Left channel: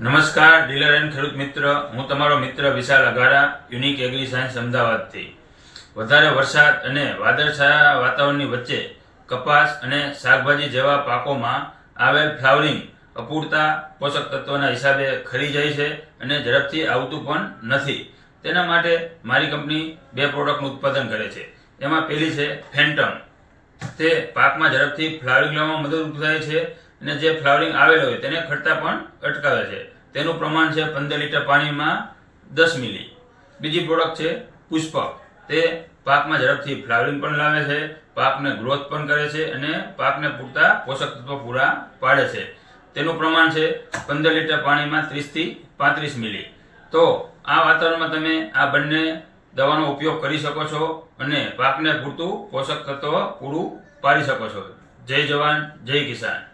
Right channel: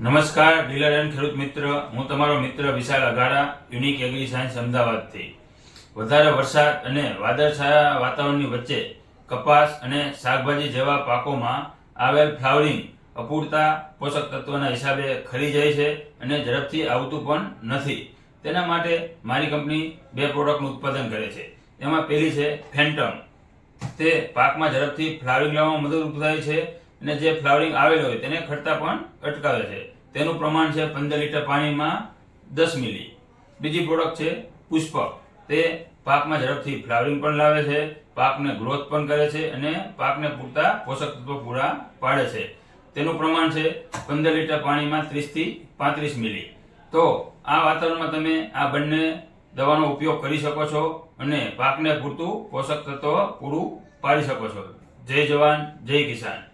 નમસ્કાર, dealer and ખેડૂત મિત્ર. હું તમારો મિત્ર Vishal Aghara unique agri science અમદાવાદથી. વધારે વરસાદ અને વાદળછાયા વાતાવરણની વચ્ચે કપાસ અને શાકભાજી જેવા પાકોમાં આવેલ ફ્લાવરિંગ અપૂરતા પોષક તત્વોના હિસાબે ખરી જાય છે અને ઝડપથી આવતું પણ નથી. તેના માટે મારી કંપની બે પ્રોડક્ટનું ઉત્પાદન કરે છે. એમાં પહેલી છે ફેન્ટમ. તે પાકમાં ઝડપથી ફ્લાવરિંગ લાવવામાં મદદરૂપ થાય છે અને જે ફ્લાવરિંગ આવેલ હોય તેને ખરતા પણ અટકાવે છે. તેનું પ્રમાણ છે પંદર લીટર પાણીમાં દસ મિલી. બીજી પ્રોડક્ટ છે પુષ્પક તે પાકમાં ઝડપથી ફ્લાવરિંગ પણ લાવે છે, પાકને ગ્રોથ પણ કરે છે અને પાકને પૂરતા પોષક તત્વો પૂરા પાડે છે. તેનું પ્રમાણ છે પંદર લીટર પાણીમાં ત્રીસથી પાંત્રીસ મિલી. તો આ વાતાવરણમાં તમે આ બંને દવાનો ઉપયોગ કરી શકો છો અને પાકને પૂરતું પોષક તત્વ પૂરું પાડી શકો છો. જય જવાન, જય કિસાન.